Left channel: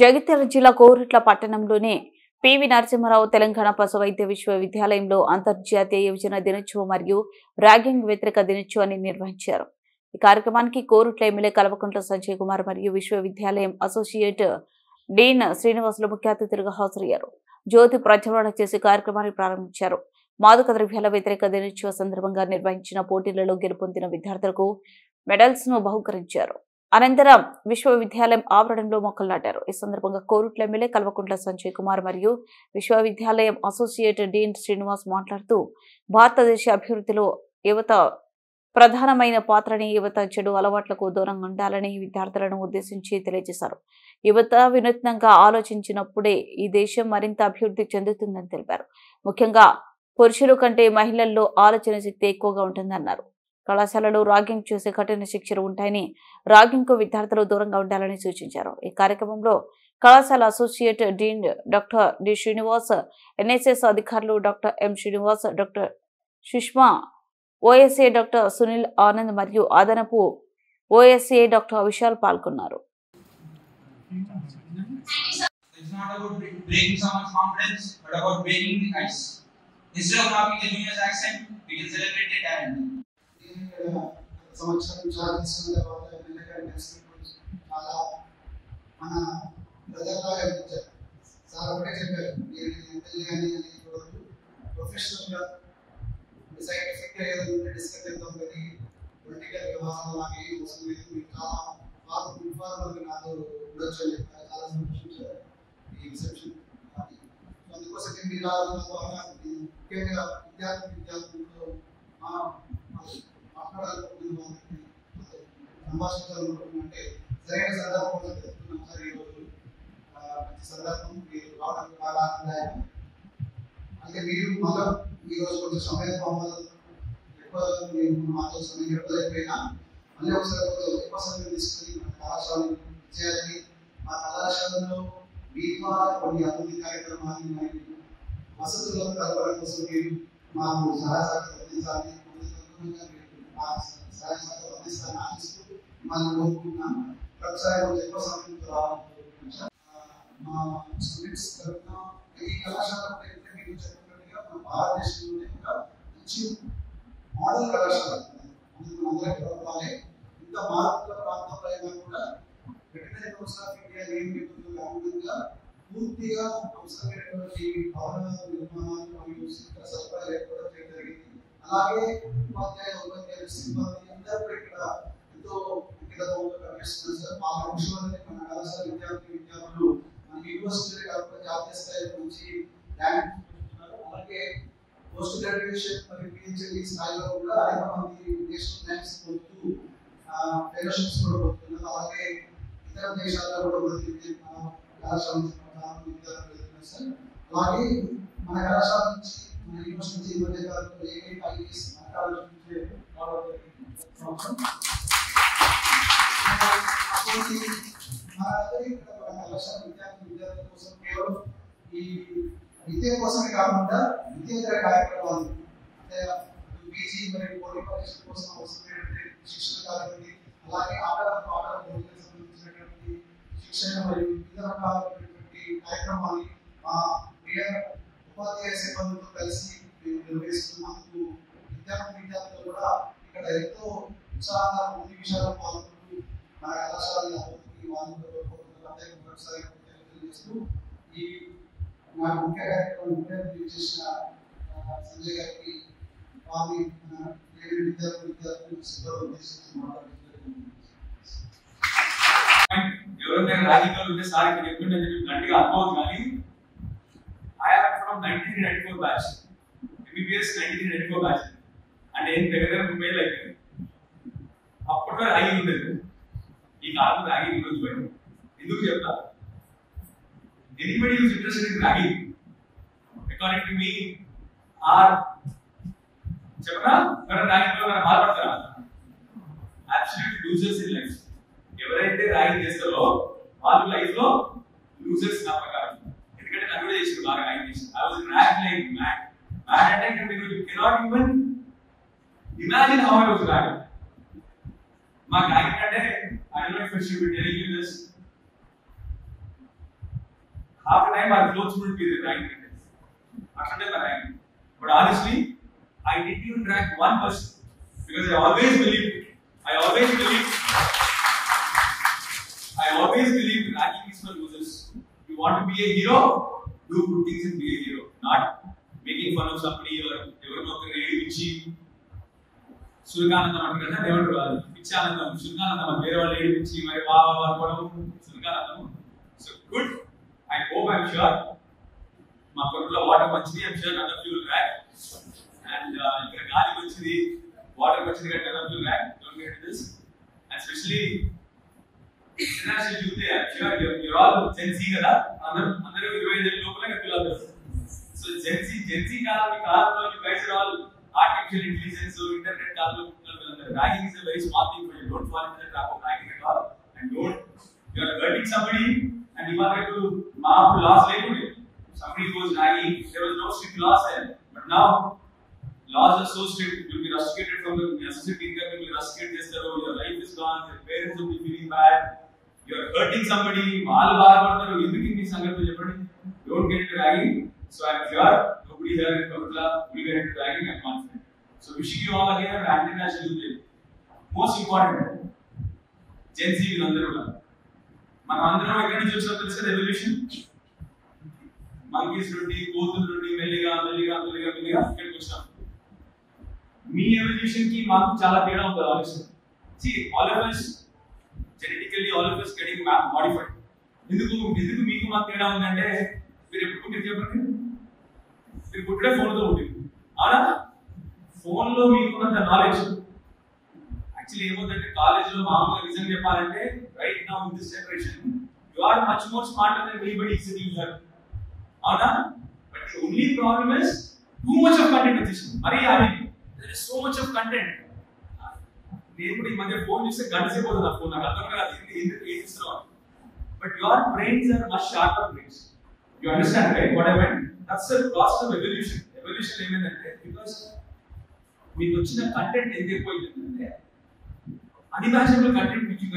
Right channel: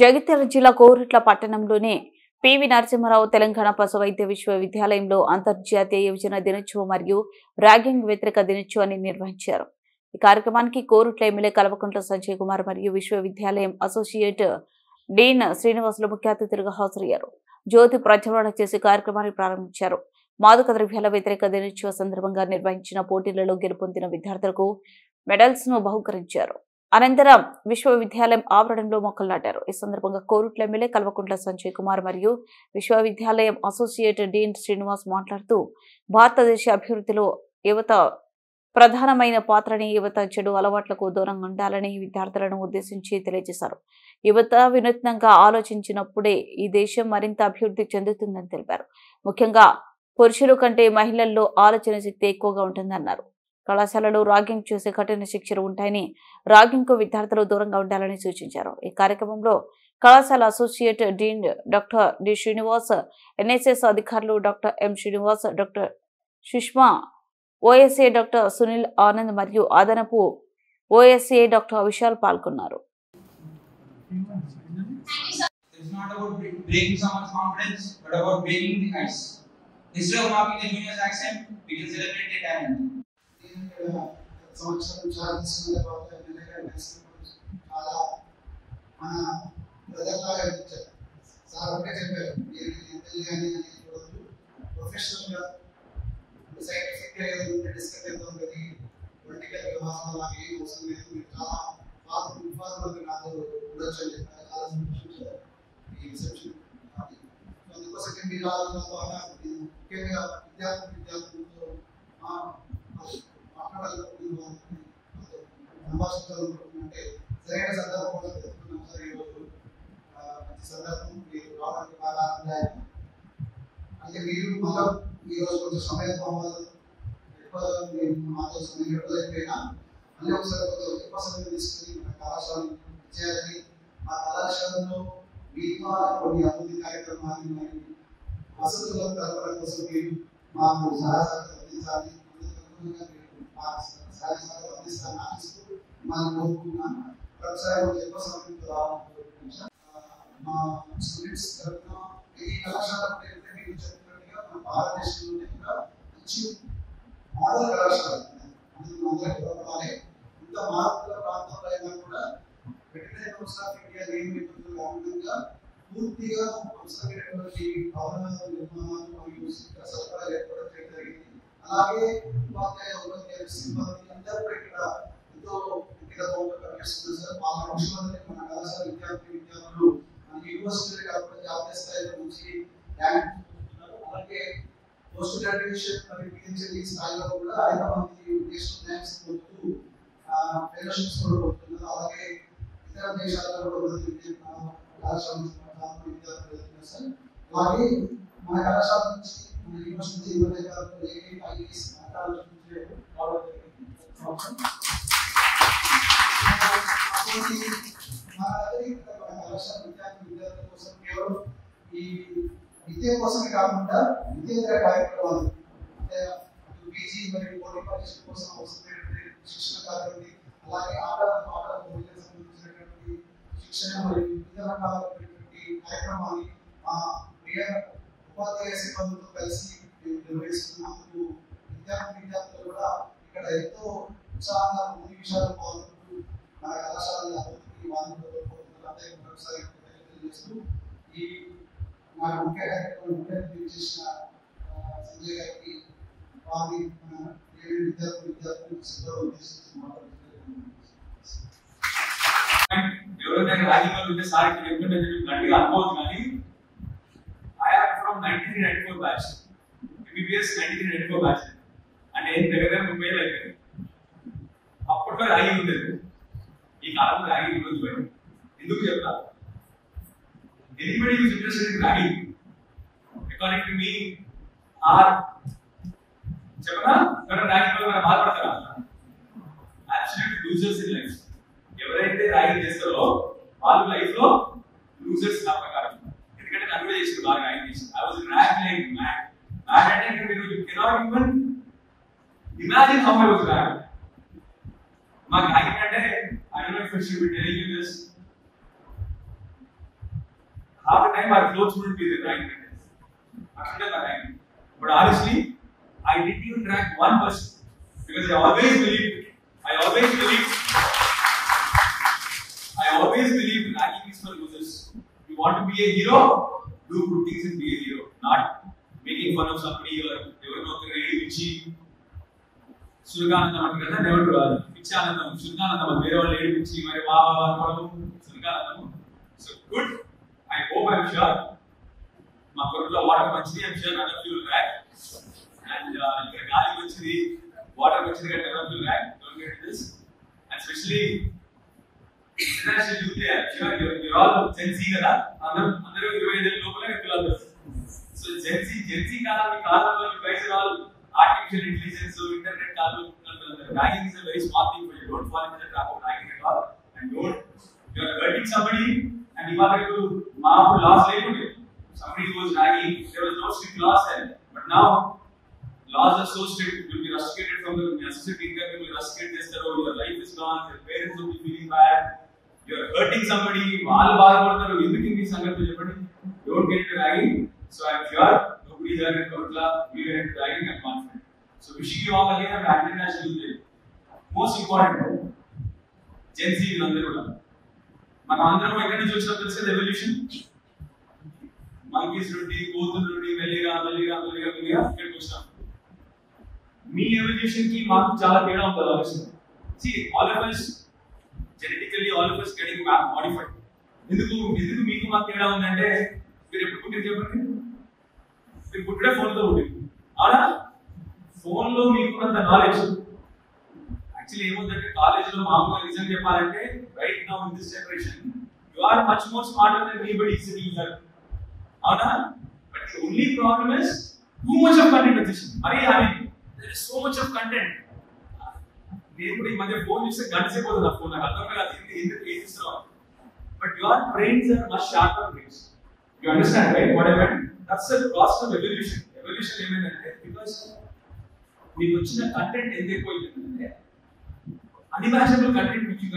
జగిత్యాల జిల్లా కోరుట్ల పట్టణంలోని పివి నరసింహారావు తెలంగాణ పశు వైద్య విశ్వవిద్యాలయంలో అంతర్జాతీయ యువజన దినోత్సవం మరియు ర్యాగింగ్ వ్యతిరేక దినోత్సవాన్ని నిర్వహించారు. ఈ కార్యక్రమానికి కోరుట్ల ఎమ్మెల్యే కల్వకుంట్ల సంజయ్ కుమార్ మరియు విశ్వవిద్యాలయం అసోసియేట్ డీన్ శ్రీనివాసులు ముఖ్య అతిథులుగా హాజరయ్యారు. జ్యోతి ప్రజ్వలన చేసి కార్యక్రమాన్ని ప్రారంభించారు. మాదక ద్రవ్యాల వ్యతిరేక దినోత్సవ సందర్భంగా నిర్వహించిన పోటీలలో గెలుపొందిన విద్యార్థులకు మెడల్స్ ను బహుకరించారు. అనంతరం విశ్వవిద్యాలయం ఆవరణలో మొక్కలు నాటారు. ఈ సందర్భంగా కోరుట్ల ఎమ్మెల్యే కల్వకుంట్ల సంజయ్ కుమార్ మరియు విశ్వవిద్యాలయం అసోసియేట్ డీన్ శ్రీనివాస్ మాట్లాడుతూ భారతదేశ అభివృద్ధిలో యువత ప్రధానమైన పాత్రని, యువత చెడు అలవాట్లకు దూరంగా ఉండాలని విద్యార్థులను ఉద్దేశించి తెలియజేశారు. యువత వినూత్నంగా ఆలోచించినప్పుడే ఈ దేశం మరింత అభివృద్ధి చెందుతుందని తెలిపారు. ముఖ్యంగా పురుషుల కంటే మహిళల్లో ఆలోచన శక్తి ఎక్కువగా ఉంటుందన్నారు. కళాశాలలో రాగింగ్ చేసే కఠిన శిక్షలు ఉంటాయని, రాగింగ్ కు విద్యార్థులు దూరంగా ఉండాలని సూచించారు. ఈ కార్యక్రమంలో కళాశాల associate dean doctor D Srinivas, NSS అధికారులు doctor M Srinivas, doctor Sushma, OSA doctor Sunil Anand మరియు అదనపు ఓఎస్ఏ డాక్టర్ విశాల్ పాల్గొన్నారు. సంవత్సరం చాలా తీసుకున్న తర్వాత ఎమ్మెల్యే గారు చాలా మన ప్రజల్లాగా ఇచ్చారు. సార్ ఒకటే చెప్పారు, మీరు ఎమ్మెల్యే అని చూడద్దు, ప్రొఫెషనల్గా సైంటిఫిక్గా ఏదైనా డిస్కస్ చేద్దాం కానీ పొలిటికల్ వ్యవహారం నాకు ఏం అవసరం లేదు, మీరు చాలా ఇన్ఫార్మల్గా నాతో ఉండొచ్చు అని చెప్పారు. చాలా సంతోషించారు ఈ రిసెప్షన్. అందుకోసం మీరు ఆలోచన ముఖ్యంగా విద్యార్థులతో సంభాషించాలనుకుంటుంటే సరైన సందర్భం కోసం చెప్తున్నాం సార్. ఈరోజు మంచి సందర్భం, మీరు రావడానికి బాగా ఆనందదాయకం. అయితే మీరు మళ్ళీ ఈరోజు కొంచెం సమయం కావాలి, ఎక్కువ మీరు మాతో సమయం ఎక్కువైపోయినా మళ్ళీ ఒకసారి ఎక్కువ సమయం తీసుకుని మన కళాశాలను చేయాలని, మా కళాశాలలో మీ ద్వారా కొన్ని అభివృద్ధి కార్యక్రమాన్ని మరియు వసతులను కలపడం కోసం మీరు మాకు సహాయ అందించాలి. మనం కోరుకున్నాం ఒకసారి ఎక్కువ సమయంతో రావాలనుకుంటున్నాం. మా స్టూడెంట్స్ తరఫున ఈ కళాశాల మీరు చెప్తున్నట్టుగా మన భారతదేశంలోనే కూడా మంచి మోడల్ కళాశాల అందరికీ ఇంత మార్పుల ప్రాంతంలో అయినా కూడా వెటర్నరీ కౌన్సిల్ ఆఫ్ ఇండియా నియమితులకు అనుగుణంగా పూర్తిగా అవసరమైనటువంటి భవన నిర్మాణాలు మరియు సరఫరా ఏర్పడడం జరిగింది. అలాగే ఉపాధ్యాయులు సిబ్బంది అందరూ కూడా ఇక్కడ ఎంతో వ్యక్తిగతంగా పనిచేస్తున్నారు సార్. వాళ్ళ విషయంలోనే మన కళాశాల విద్యార్థులు మన యూనివర్సిటీ కాకుండా జాతీయ స్థాయిలో నుంచి ర్యాంక్ పొందుతున్నారు. అలాగే పోస్ట్ గ్రాడ్యుయేషన్ మరియు పిహెచ్డి స్థాయిలో కూడా అనేక మంది నేషనల్ ర్యాంక్స్ పొందుతూ ఫెలోషిప్స్ కూడా పొందుతున్నారు. అలాగే ఇతర దేశాల్లో కూడా మన కళాశాల విద్యార్థులు వెళ్తున్నారు సార్. అలాగే మన కళాశాల నుంచి మన యూనివర్సిటీ మధ్య కాలంలో ఏకైక ఐఏఎస్ ఆలోచించే మన కళాశాల విద్యార్థుల కోసం కేవలం ఈ విద్య కోసమే కాకుండా విద్యేతర కార్యక్రమాలు అంటే పీజీ మరియు పోటీ పరీక్షల కోసం అవసరమైనటువంటి శిక్షణ కానివ్వండి, అలాగే ఆటలకు సంబంధించినటువంటి శిక్షణ మరియు వివిధ రకాలైనటువంటి కార్యక్రమాలు మా ఉపాధ్యాయ సిబ్బందితో కలిసి మేము నిర్వహిస్తున్నందుకు విద్యార్థులు కూడా ఇక్కడ ఎంతో ఉత్సాహంగా ముందు విషయాలు పాల్గొంటూ మన కళాశాల అభివృద్ధికి వాళ్ళు ఒకసారి తెలియజేస్తూ ఈ నాకు ముఖ్య కార్యక్రమం చేసిన సంజయ్ గారికి వారిని విద్యార్థులు సిద్ధంగా ఉద్దేశించి మాట్లాడుతున్నారు. ఎవరైనా రాజకీయాలు ఉంటే సార్ ఇక్కడ చెప్తుంటే గట్టిగా అనుకోవద్దు, కానీ I am from 1994 batch, MBBS 1994 batch, అంటే ఏం దగ్గర 30 ఏళ్ళు అయిపోయింది. అప్పట్లో ర్యాగింగ్ ఉండేది, ఈ కాలంలో ర్యాగింగ్ గురించి పోయింది. ఎందుకు చెప్తా, anybody who's interested in ragging according to me are చెప్పనా ర్యాగింగ్ లో మనం బాధపడతారా? Absolute losers in life. ఎవరైతే ర్యాగింగ్ చేస్తారో వాళ్ళు లైఫ్ లో లూజర్స్ నా ప్రకారం. ఎందుకంటే నన్ను కూడా చేసారు బాగా ర్యాగింగ్ చేసి. I was rag like mad అంటే మీరు cannot even imagine how I was rag. మా ర్యాగింగ్ అంటే I don't know if I should be telling you this. half the time our clothes wouldn't be there ragging content. Actually, the ragging. But honestly, I didn't even drag one person because I always believed ragging is for losers. You want to be a hero, do good things and be a hero, not making fun of somebody or ఎవరినో ఒకరిని ఏడిపించి సురగానందం అంటే కదా ఎవరు రాదు పిచ్చానందం సురగానందం అని వేరే వాళ్ళు ఏడిపించి మరి బాబా అనుకోవడం సురగానందం. So good. I hope I'm sure మా కొడుకులో వాటర్ మంచిది. I'm sure none of you will rag. And ఇక్కడ గాలి మంచిది, వాటర్ మంచిది కాబట్టి none of you will rag. Don't get this. And specially international youth I'm sure you're all Gen Z కదా. అందరూ 25 లోపలనే పిల్లలు. సో జెన్ జీ కాలంలో you guys are all artificial intelligence, internet కాలంలో పిల్లలు. Ragging is a very small thing for you. Don't fall into the trap of ragging at all. And don't, you are hurting somebody. And ఇవాళ రేపు మా అప్పుడు loss లేకుండే. Somebody was ragging, there was no strict laws then. But now laws are so strict. You will be rusticated from the necessity income. You will be rusticated చేస్తారు. Your life is gone. Your parents will be feeling bad. You are hurting somebody. వాళ్ళు బాధపడతారు. ఎందుకు ఈ సంగతి చెప్పండి. Don't get into ragging. So I am sure nobody here in Kerala will get into ragging. I'm confident. So wishing you all again a international youth day. Most important, Gen Z వీళ్ళందరూ కూడా మనం అందరం ఎక్కడి నుంచి వచ్చినా తెలుసు కదా. Evolution monkeys నుండి కోతుల నుండి మెల్లిగా ఇక్కడికి వచ్చినాం. మీ ఎవల్యూషన్ కి మాకు చాలా తేడా ఉంటుంది ఆలోచన. See, all of us genetically all of us getting modified. ఎందుకు మీకు మాకు తేడా ఉందంటే మీరు ఎప్పుడు పుట్టింది చెప్పండి. మీరు పుట్టిన ఫోన్తో పుట్టింది అవునా. ఫోన్లో మీకున్నంత నాలెడ్జ్ యాక్చువల్లీ ఏమవుతుందంటే కాలేజ్లో మామూలుగా నిజం చెప్పాలంటే right now in this generation you are much more smarter than anybody sitting here అవునా. But the only problem is too much of content వచ్చేసింది. మరి there is so much of content. నేను కూడా ఈ మధ్య ఫోన్ చూస్తే గంట సేపు అవుతుంది. ఆ ఫోన్ నాకు అర్థం కాదు ఎందుకు ఏం చేస్తున్నావు. But your brains are much sharper brains. You understand right what I mean. That's the process of evolution. Evolution ఏమైందంటే బికాస్ మీకు వచ్చిన కంటెంట్ ఎంత ఎక్కువ అయిపోయిందంటే అన్ఇమాజినబుల్ కంటెంట్ విచ్ యు